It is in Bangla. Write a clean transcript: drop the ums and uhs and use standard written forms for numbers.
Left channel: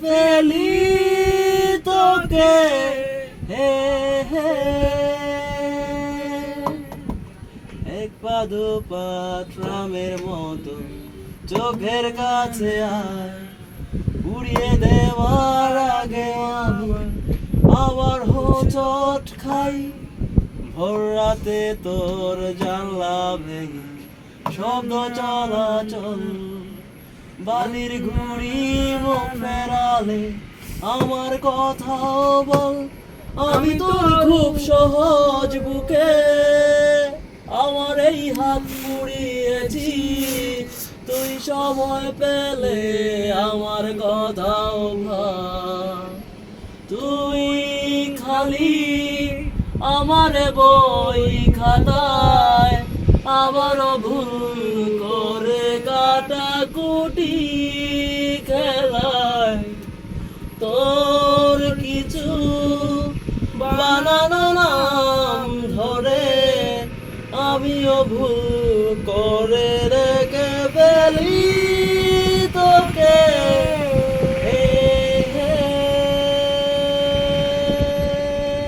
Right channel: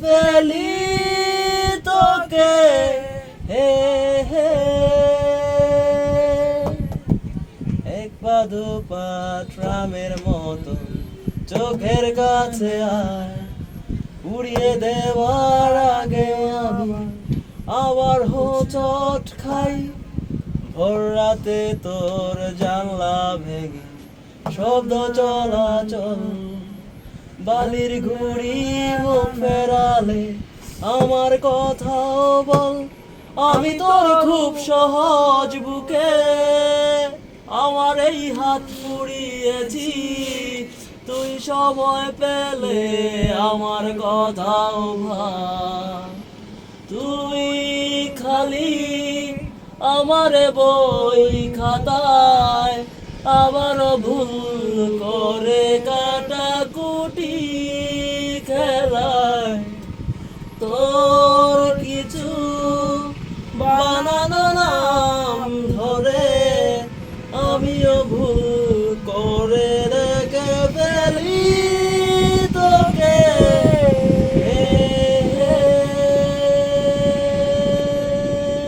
ফেলি তোকে হে হে এক পা দুপা ট্রামের মতো চোখের কাছে আয় উড়িয়ে দেওয়ার আগে আমি আবার হোঁচট খাই ভোর রাতে তোর জানলা ভেঙে শব্দ চলাচল বালির ঘুড়ি মুখ ফেরালে আমার কথাও বল আমি তোর খুব সহজ বুকে আমার এই হাত পুড়িয়েছি তুই সময় পেলে আমার কথাও ভাব তুই খালি আমার বই খাতায় আবারও ভুল করে কাটাকুটি খেলায় তো